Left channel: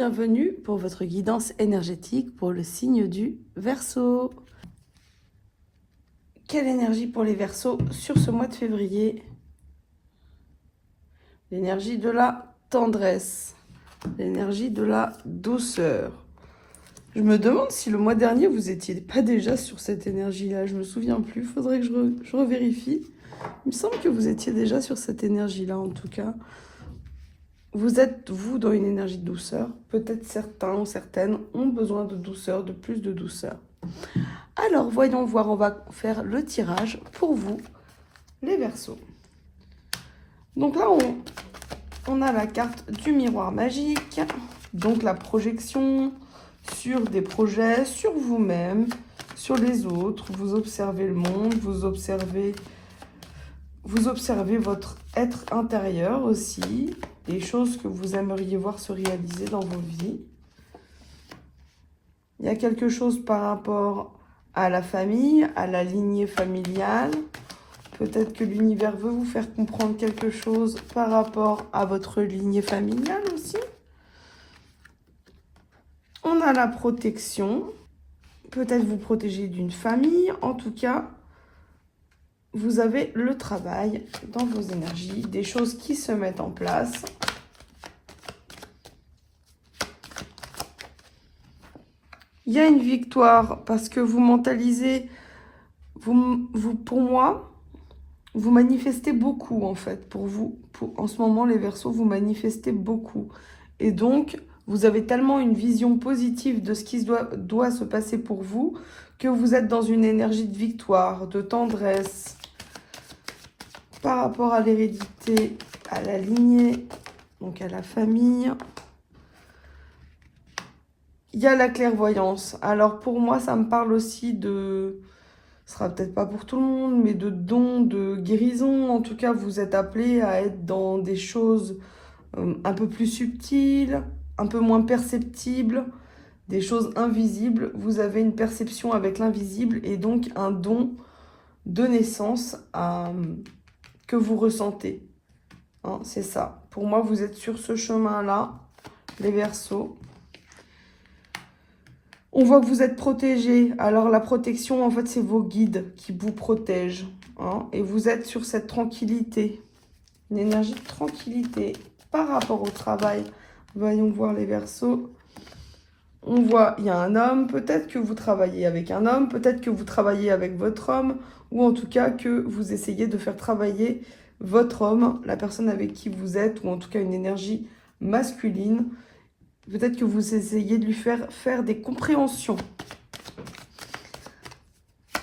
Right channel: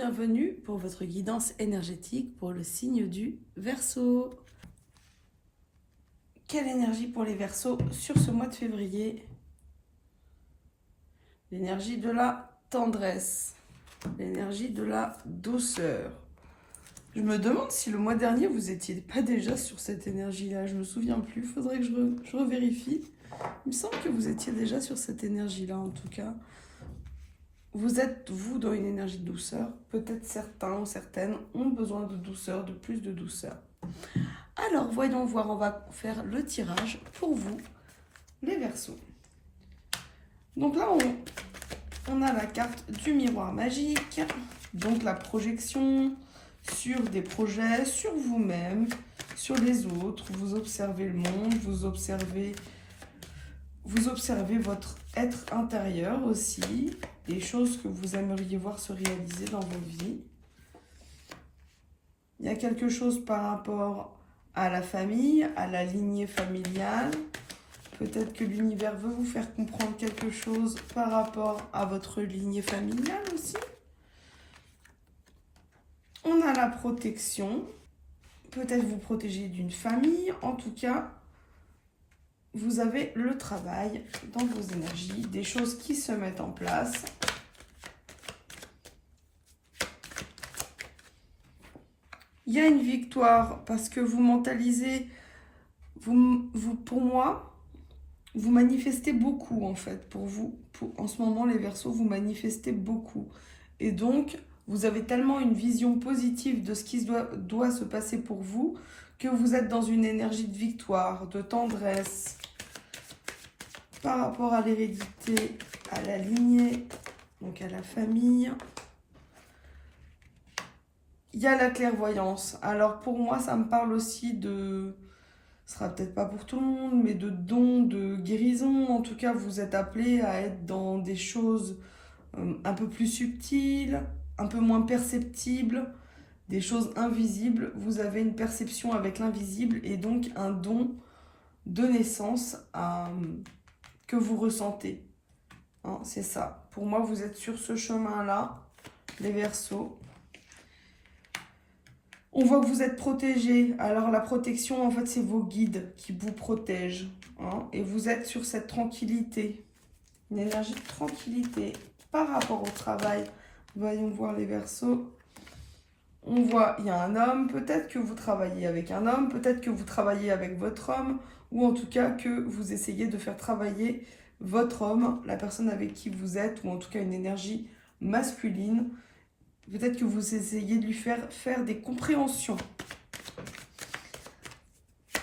bienvenue pour votre guidance énergétique pour le signe du Verseau. Quelle énergie pour les Verseaux sur ce mois de février? L'énergie de la tendresse, l'énergie de la douceur. Je me demande si le mois dernier, vous n'étiez pas déjà sur cette énergie-là. Je me souviens plus, il faudrait que je revérifie. Il me semble que vous étiez déjà sur cette énergie-là, en tout cas. Vous êtes, vous, dans une énergie de douceur. Peut-être certains ou certaines ont besoin de douceur, de plus de douceur. Alors, voyons voir, on va faire le tirage pour vous, les Verseaux. Donc là, on a la carte du miroir magique, donc la projection sur des projets, sur vous-même, sur les autres. Vous observez le monde, vous observez votre être intérieur aussi, des choses que vous aimeriez voir se réaliser dans vos vies. Il y a quelque chose par rapport à la famille, à la lignée familiale. Peut-être que l'univers veut vous faire comprendre quelque chose par rapport à votre lignée familiale aussi. On a la protection. Peut-être vous protéger d'une famille. En tout cas, vous avez le travail dans vos énergies, des choses qui se mettent en place. Il y a une victoire parce que vous mentalisez, pour moi, vous manifestez beaucoup en fait. Pour vous, en ce moment, les Verseaux, vous manifestez beaucoup. Et donc, vous avez tellement une vision positive de ce qui doit se passer pour vous que vous êtes dans une énergie de victoire, de tendresse, par rapport à l'hérédité, à la lignée, donc à la famille. Il y a la clairvoyance. Alors pour moi, ça me parle aussi de, ce sera peut-être pas pour tout le monde, mais de dons, de guérison. En tout cas, vous êtes appelé à être dans des choses un peu plus subtiles, un peu moins perceptibles, des choses invisibles. Vous avez une perception avec l'invisible et donc un don de naissance que vous ressentez. Hein, c'est ça. Pour moi, vous êtes sur ce chemin-là, les Verseaux. On voit que vous êtes protégés. Alors, la protection, en fait, c'est vos guides qui vous protègent. Hein, et vous êtes sur cette tranquillité. Une énergie de tranquillité par rapport au travail. Voyons voir les Verseaux. On voit, il y a un homme. Peut-être que vous travaillez avec un homme. Peut-être que vous travaillez avec votre homme. Ou en tout cas, que vous essayez de faire travailler votre homme, la personne avec qui vous êtes. Ou en tout cas, une énergie masculine. Peut-être que vous essayez de lui faire des compréhensions.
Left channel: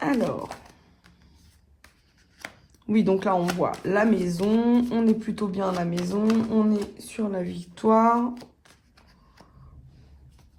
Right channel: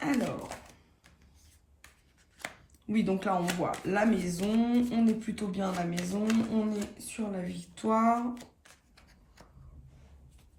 Alors, oui, donc là, on voit la maison. On est plutôt bien à la maison. On est sur la victoire.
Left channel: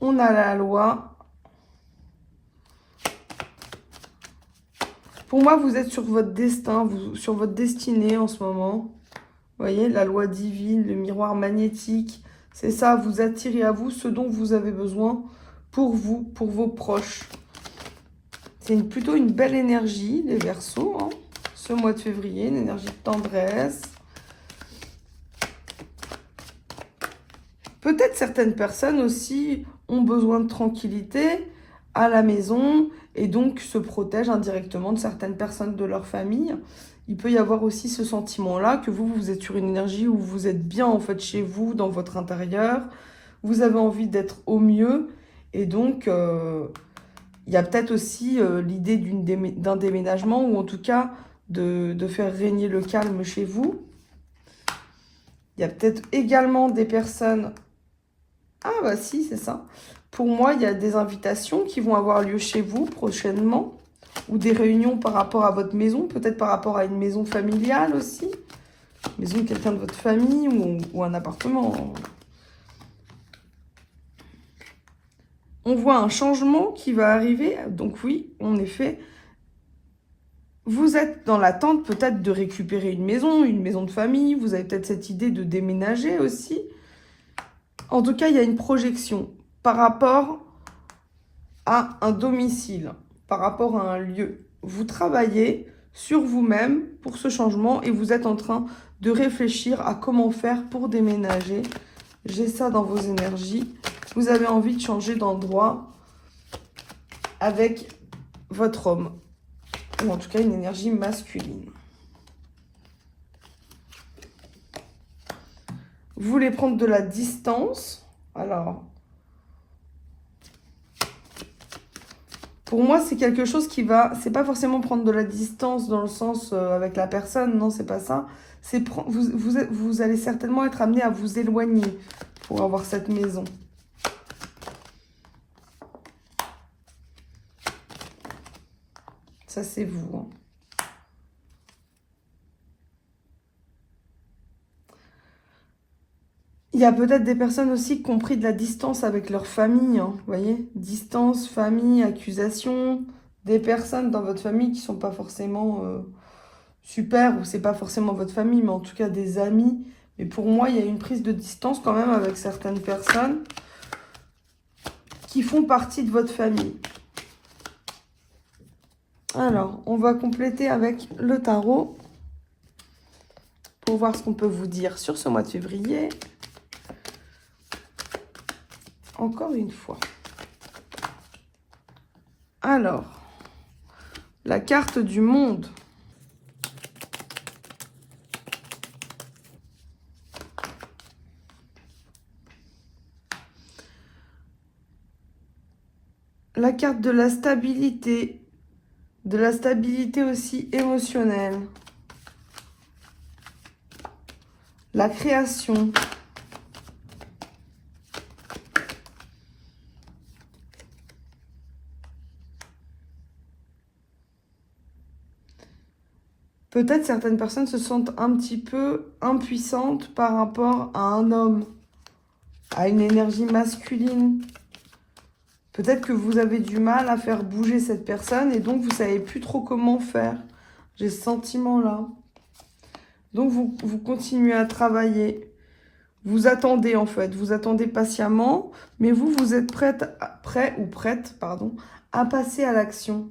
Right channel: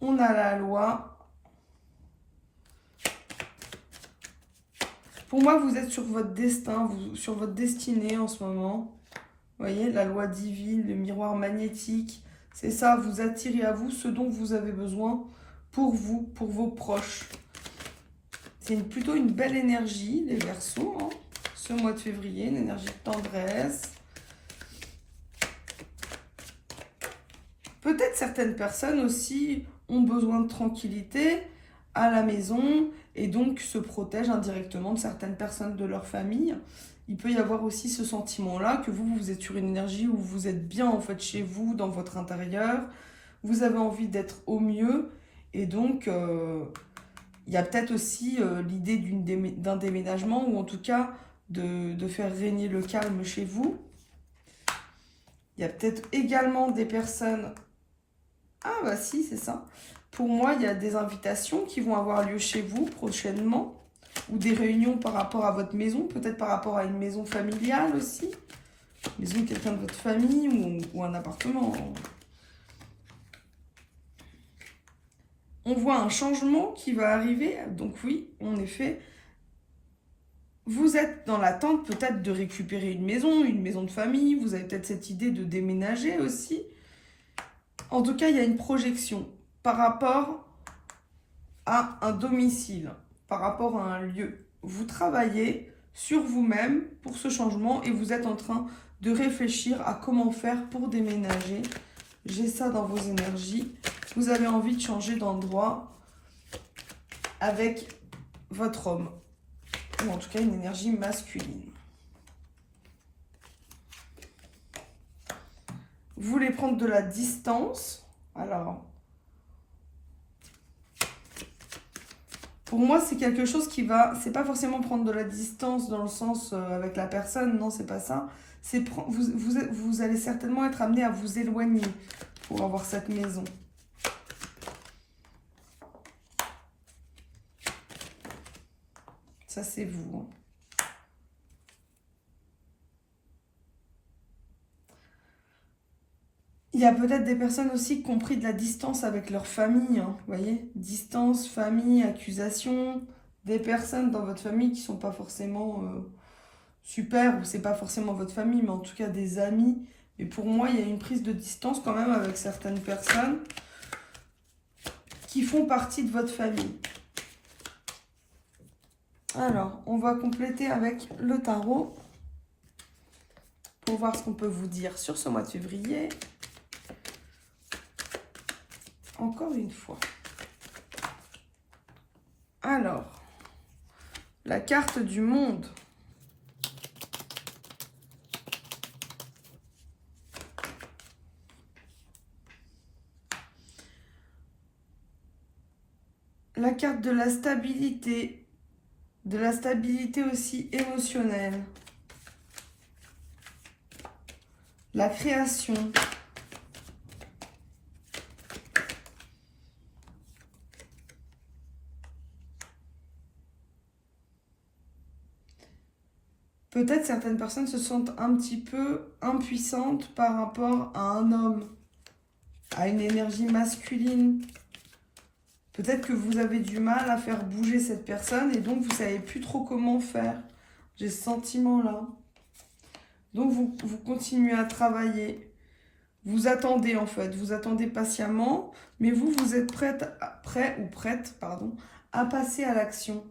On a la loi. Pour moi, vous êtes sur votre destin, sur votre destinée en ce moment. Vous voyez, la loi divine, le miroir magnétique. C'est ça, vous attirez à vous ce dont vous avez besoin pour vous, pour vos proches. C'est plutôt une belle énergie, les Verseaux, hein, ce mois de février, une énergie de tendresse. Peut-être certaines personnes aussi ont besoin de tranquillité à la maison et donc se protègent indirectement de certaines personnes de leur famille. Il peut y avoir aussi ce sentiment-là que vous êtes sur une énergie où vous êtes bien en fait chez vous, dans votre intérieur. Vous avez envie d'être au mieux. Et donc, il y a peut-être aussi l'idée d'un déménagement ou en tout cas de faire régner le calme chez vous. Il y a peut-être également des personnes... Ah bah si, c'est ça. Pour moi, il y a des invitations qui vont avoir lieu chez vous prochainement. Ou des réunions par rapport à votre maison, peut-être par rapport à une maison familiale aussi. Maison de quelqu'un de votre famille ou un appartement. On voit un changement qui va arriver. Donc oui, en effet, vous êtes dans l'attente peut-être de récupérer une maison de famille. Vous avez peut-être cette idée de déménager aussi. En tout cas, il y a une projection par rapport à un domicile. Par rapport à un lieu. Vous travaillez sur vous-même pour ce changement et vous êtes en train de réfléchir à comment faire pour déménager. J'ai ça dans vos énergies. vous avez envie de changer d'endroit avec votre homme. Ou en tout cas, une énergie masculine. Vous voulez prendre de la distance. Alors, pour moi, c'est quelque chose qui va... C'est pas forcément prendre de la distance dans le sens avec la personne. Non, c'est pas ça. C'est vous allez certainement être amené à vous éloigner pour avoir cette maison. Ça, c'est vous. Hein. Il y a peut-être des personnes aussi qui ont pris de la distance avec leur famille. Hein, vous voyez, distance, famille, accusation. Des personnes dans votre famille qui ne sont pas forcément super, ou c'est pas forcément votre famille, mais en tout cas des amis. Et pour moi, il y a une prise de distance quand même avec certaines personnes qui font partie de votre famille. Alors, on va compléter avec le tarot pour voir ce qu'on peut vous dire sur ce mois de février. Encore une fois. Alors, la carte du monde. La carte de la stabilité. De la stabilité aussi émotionnelle. La création. Peut-être certaines personnes se sentent un petit peu impuissantes par rapport à un homme, à une énergie masculine. Peut-être que vous avez du mal à faire bouger cette personne et donc vous ne savez plus trop comment faire. J'ai ce sentiment-là. Donc vous continuez à travailler. Vous attendez en fait, vous attendez patiemment, mais vous êtes prêt ou prête, pardon, à passer à l'action.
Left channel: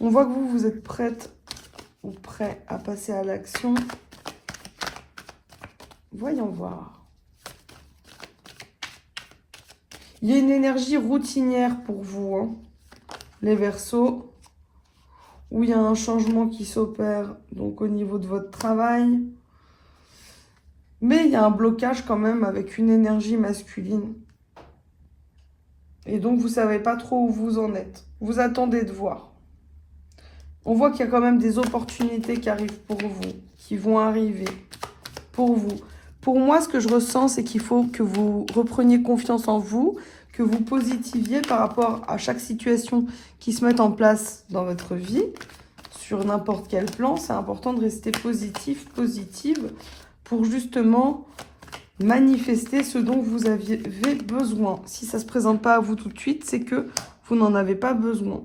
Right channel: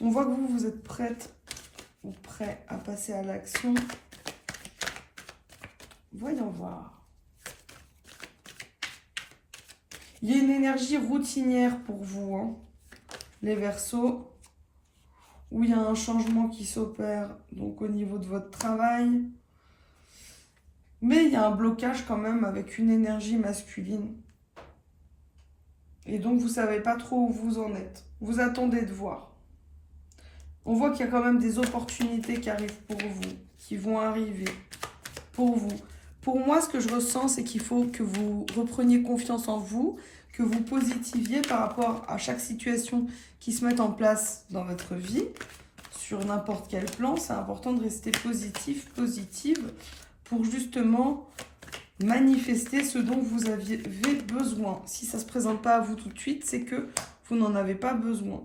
On voit que vous êtes prête ou prêt à passer à l'action. Voyons voir. Il y a une énergie routinière pour vous, hein, les Verseaux, où il y a un changement qui s'opère donc au niveau de votre travail. Mais il y a un blocage quand même avec une énergie masculine. Et donc vous ne savez pas trop où vous en êtes. Vous attendez de voir. On voit qu'il y a quand même des opportunités qui arrivent pour vous, qui vont arriver pour vous. Pour moi, ce que je ressens, c'est qu'il faut que vous repreniez confiance en vous, que vous positiviez par rapport à chaque situation qui se met en place dans votre vie, sur n'importe quel plan. C'est important de rester positif, positive, pour justement manifester ce dont vous avez besoin. Si ça ne se présente pas à vous tout de suite, c'est que vous n'en avez pas besoin.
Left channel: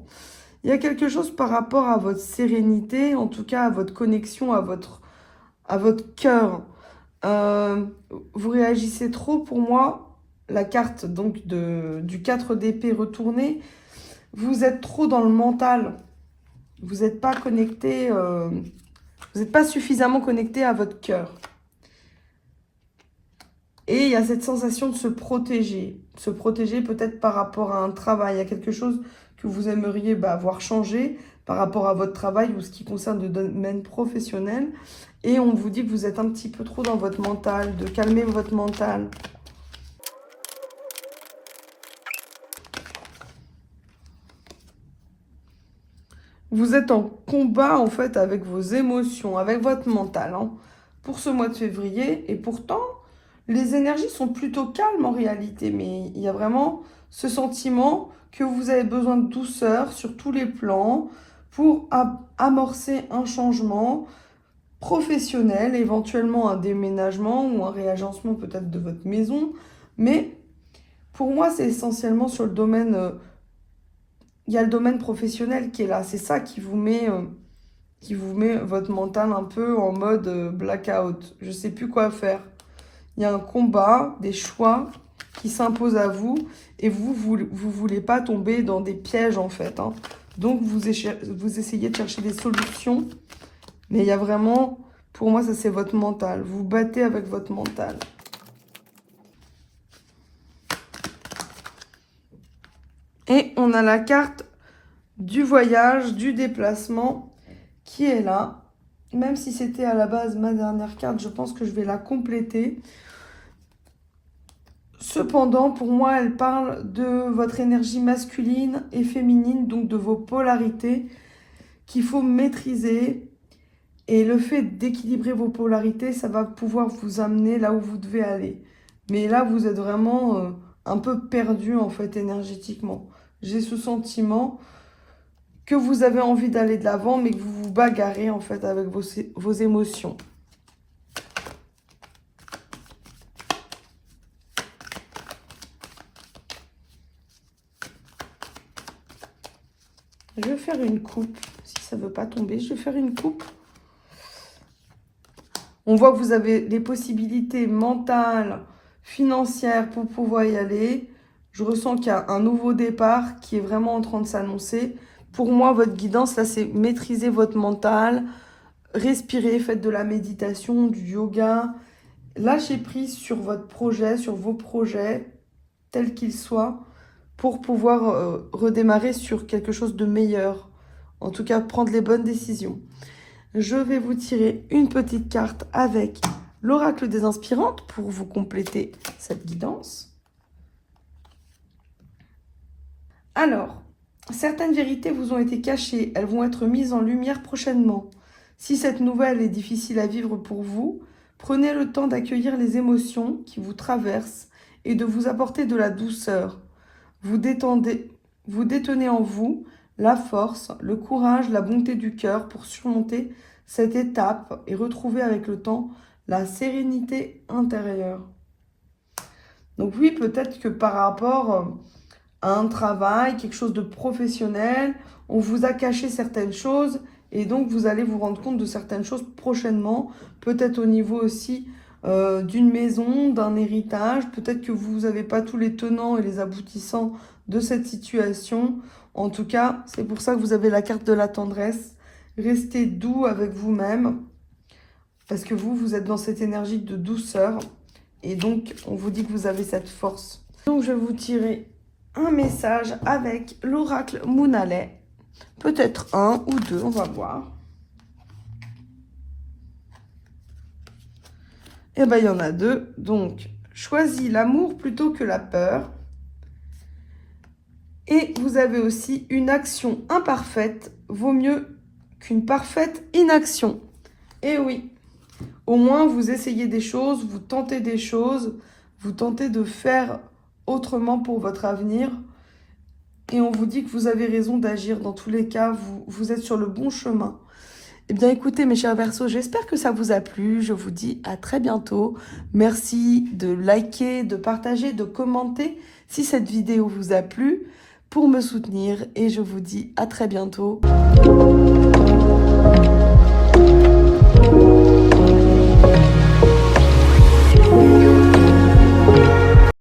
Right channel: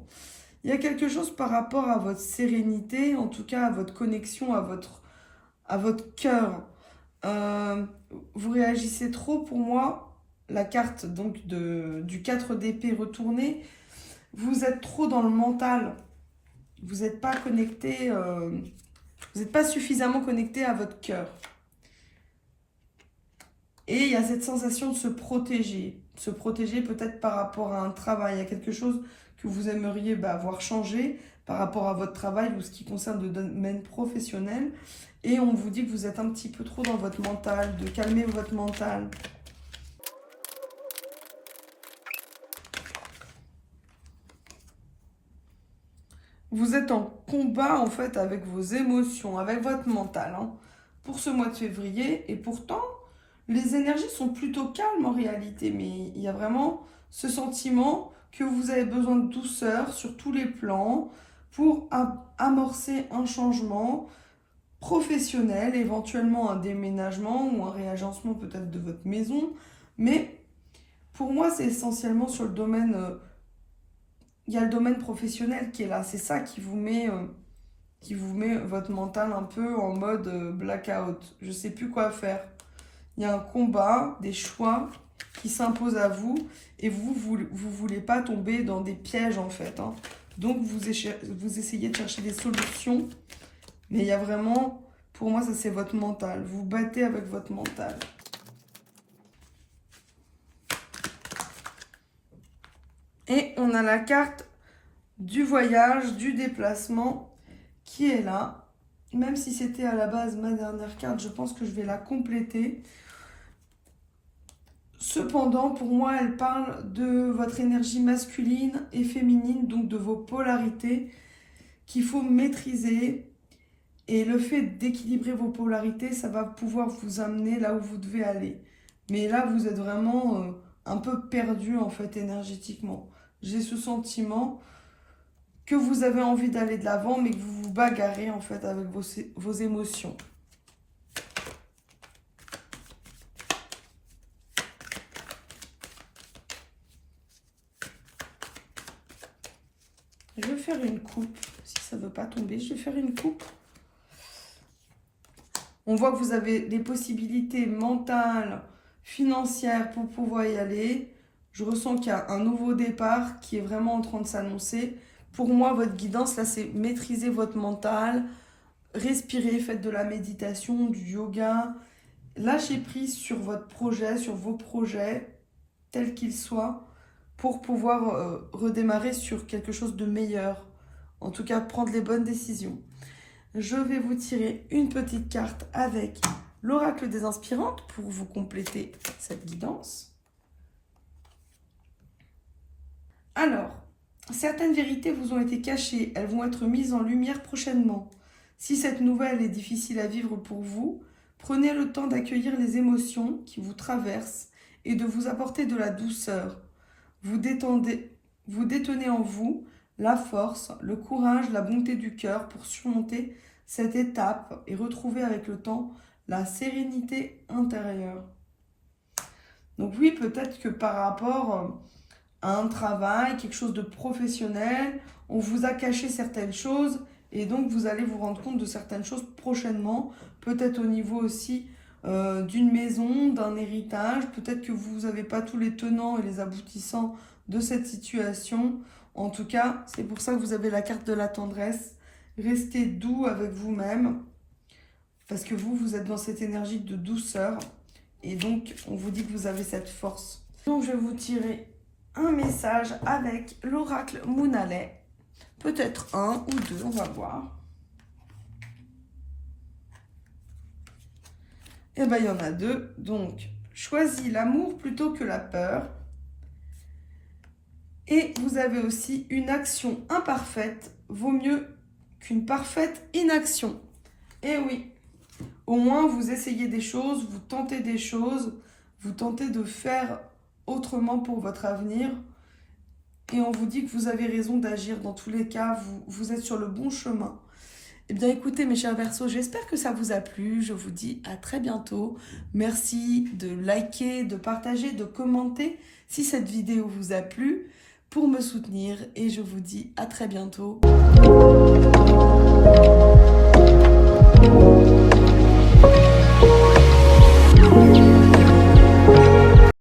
Il y a quelque chose par rapport à votre sérénité, en tout cas à votre connexion, à votre cœur. Vous réagissez trop, pour moi, la carte donc du 4 d'épée retourné, vous êtes trop dans le mental. Vous n'êtes pas connecté, vous n'êtes pas suffisamment connecté à votre cœur. Et il y a cette sensation de se protéger peut-être par rapport à un travail, à quelque chose que vous aimeriez voir changer par rapport à votre travail ou ce qui concerne le domaine professionnel. Et on vous dit que vous êtes un petit peu trop dans votre mental, de calmer votre mental. Vous êtes en combat en fait avec vos émotions, avec votre mental hein, pour ce mois de février. Et pourtant, les énergies sont plutôt calmes en réalité. Mais il y a vraiment ce sentiment que vous avez besoin de douceur sur tous les plans pour amorcer un changement professionnel, éventuellement un déménagement ou un réagencement peut-être de votre maison. Mais pour moi, c'est essentiellement sur le domaine... il y a le domaine professionnel qui est là. C'est ça qui vous met votre mental un peu en mode blackout. Je ne sais plus quoi faire. Il y a un combat, des choix qui s'imposent à vous et vous voulez pas tomber dans des pièges en fait. Hein. Donc vous essayez de chercher des solutions. Mais il y a vraiment, pour moi, ça c'est votre mental. Vous battez avec votre mental. Et on a la carte du voyage, du déplacement qui est là. Même si c'était à la base ma dernière carte, je pense que je vais la compléter. Cependant, pour moi, elle parle de votre énergie masculine et féminine, donc de vos polarités qu'il faut maîtriser. Et le fait d'équilibrer vos polarités, ça va pouvoir vous amener là où vous devez aller. Mais là, vous êtes vraiment un peu perdu en fait énergétiquement. J'ai ce sentiment que vous avez envie d'aller de l'avant, mais que vous vous bagarrez en fait avec vos émotions. Je vais faire une coupe. Si ça ne veut pas tomber, je vais faire une coupe. On voit que vous avez les possibilités mentales, financières pour pouvoir y aller. Je ressens qu'il y a un nouveau départ qui est vraiment en train de s'annoncer. Pour moi, votre guidance, là, c'est maîtriser votre mental, respirer, faites de la méditation, du yoga. Lâchez prise sur votre projet, sur vos projets, tels qu'ils soient, pour pouvoir redémarrer sur quelque chose de meilleur. En tout cas, prendre les bonnes décisions. Je vais vous tirer une petite carte avec l'oracle des inspirantes pour vous compléter cette guidance. Alors, certaines vérités vous ont été cachées, elles vont être mises en lumière prochainement. Si cette nouvelle est difficile à vivre pour vous, prenez le temps d'accueillir les émotions qui vous traversent et de vous apporter de la douceur. Vous détenez en vous la force, le courage, la bonté du cœur pour surmonter cette étape et retrouver avec le temps la sérénité intérieure. Donc oui, peut-être que par rapport à un travail, quelque chose de professionnel, on vous a caché certaines choses et donc vous allez vous rendre compte de certaines choses prochainement, peut-être au niveau aussi d'une maison, d'un héritage, peut-être que vous n'avez pas tous les tenants et les aboutissants de cette situation. En tout cas, c'est pour ça que vous avez la carte de la tendresse. Restez doux avec vous-même, parce que vous êtes dans cette énergie de douceur. Et donc, on vous dit que vous avez cette force. Donc, je vais vous tirer un message avec l'oracle Moonalay. Peut-être un ou deux, on va voir. Et bien, il y en a deux. Donc, choisis l'amour plutôt que la peur. Et vous avez aussi une action imparfaite vaut mieux qu'une parfaite inaction. Et oui, au moins vous essayez des choses, vous tentez des choses, vous tentez de faire autrement pour votre avenir. Et on vous dit que vous avez raison d'agir. Dans tous les cas, vous êtes sur le bon chemin. Eh bien, écoutez, mes chers Verseaux, j'espère que ça vous a plu. Je vous dis à très bientôt. Merci de liker, de partager, de commenter si cette vidéo vous a plu pour me soutenir. Et je vous dis à très bientôt.